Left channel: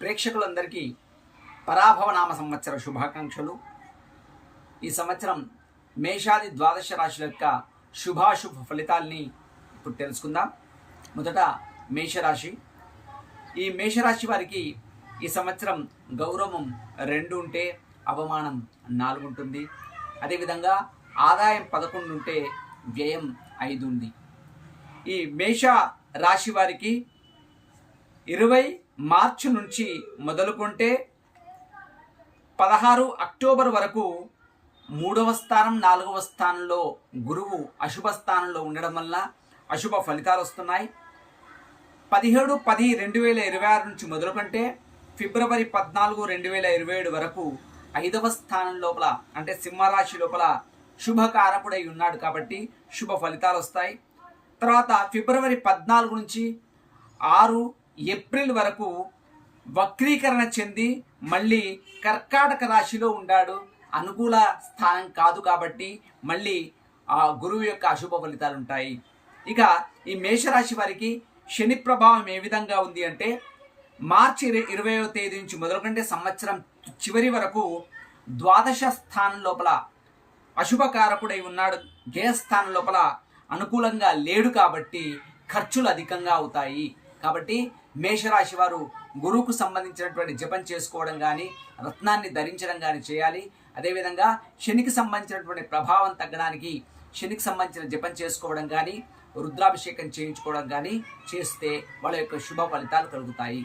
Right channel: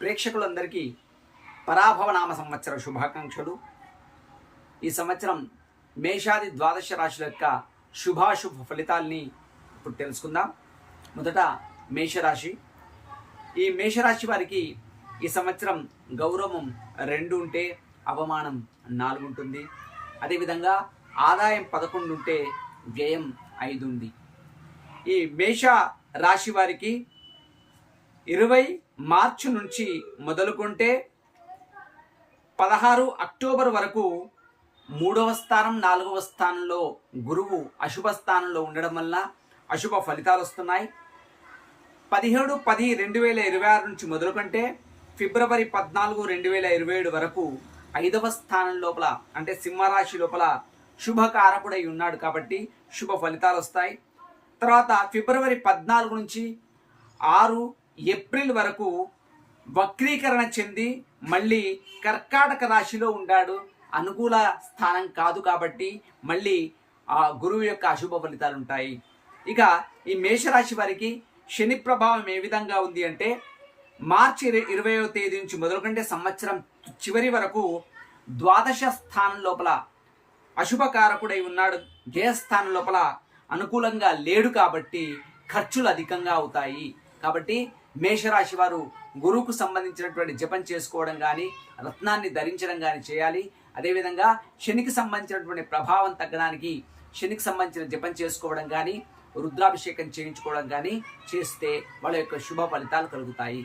ప్రేక్షకులందరికీ పరాభవనామ సంవత్సర శుభాకాంక్షలు. ఈ సంవత్సరం మేషాది ద్వాదశ రాశుల యొక్క శుభాశుభ ఫలితాల్ని ఇప్పుడు తెలుసుకుందాం. మొదట మేషరాశి. ఈ మేషరాశి వారికి ఈ సంవత్సరం గౌరవం 2 ఉంటే అవమానం 4 ఉంటుంది. అదేవిధంగా ఆదాయం 11 ఉంటే వ్యయం 5 ఉంది. ఈ మేష రాశి వారికి 20 మార్చి నుంచి మొదలుకుంటే 16 అక్టోబర్ వరకు 3వ స్థానం 4వ స్థానంలో గురువు అశుభ స్థానంలో ఉండడం వల్ల అశుభ ఫలితాలు వస్తున్నాయి. 17/10/2026 నుంచి మొదలుకుంటే ఫిబ్రవరి 14, 2027 వరకు 5వ స్థానం లోపల అంటే సింహరాశి లోపల శుభకారకుడై ఉన్నాడు కాబట్టి శుభ ఫలితాలు వస్తాయి. తర్వాత ఫిబ్రవరి 14 నుంచి 6 ఏప్రిల్ వరకు వక్రీకరణ చెంది మళ్ళీ కర్కాటక రాశిలో ఉన్నాడు. అనుకూల స్థానం కాదు కాబట్టి మళ్ళీ ఆ గురువు యొక్క అశుభ ఫలితాలు ఉంటాయి. ఇక ఈ మేషరాశి వారికి శని ప్రభావం ఏ విధంగా ఉంది అంటే మార్చి 20వ తేదీ నుంచి మొదలుకుంటే సంవత్సరం చివరి వరకు ద్వాదశ స్థానం లోపల అశుభకారకుడై ఉన్నాడు. జయస్థానం లోపల అనుకూలంగా లేడు కాబట్టి ఖర్చులు అధికంగా అవుతాయి. కాబట్టి మేషరాశి వారు గురువుకు సంబంధించినటువంటి జపం చేసుకోవడం కానీ రత్నాన్ని ధరించడం కానీ చేయాలి. అదేవిధంగా శనికి సంబంధించినటువంటి ప్రభావం తగ్గడానికి శనికి సంబంధించిన జపం చేసుకోవడం కానీ రుద్రాభిషేకం చేయించుకోవడం కానీ చేస్తే వాళ్ళ యొక్క శుభ ఫలితాలు కలుగుతాయి.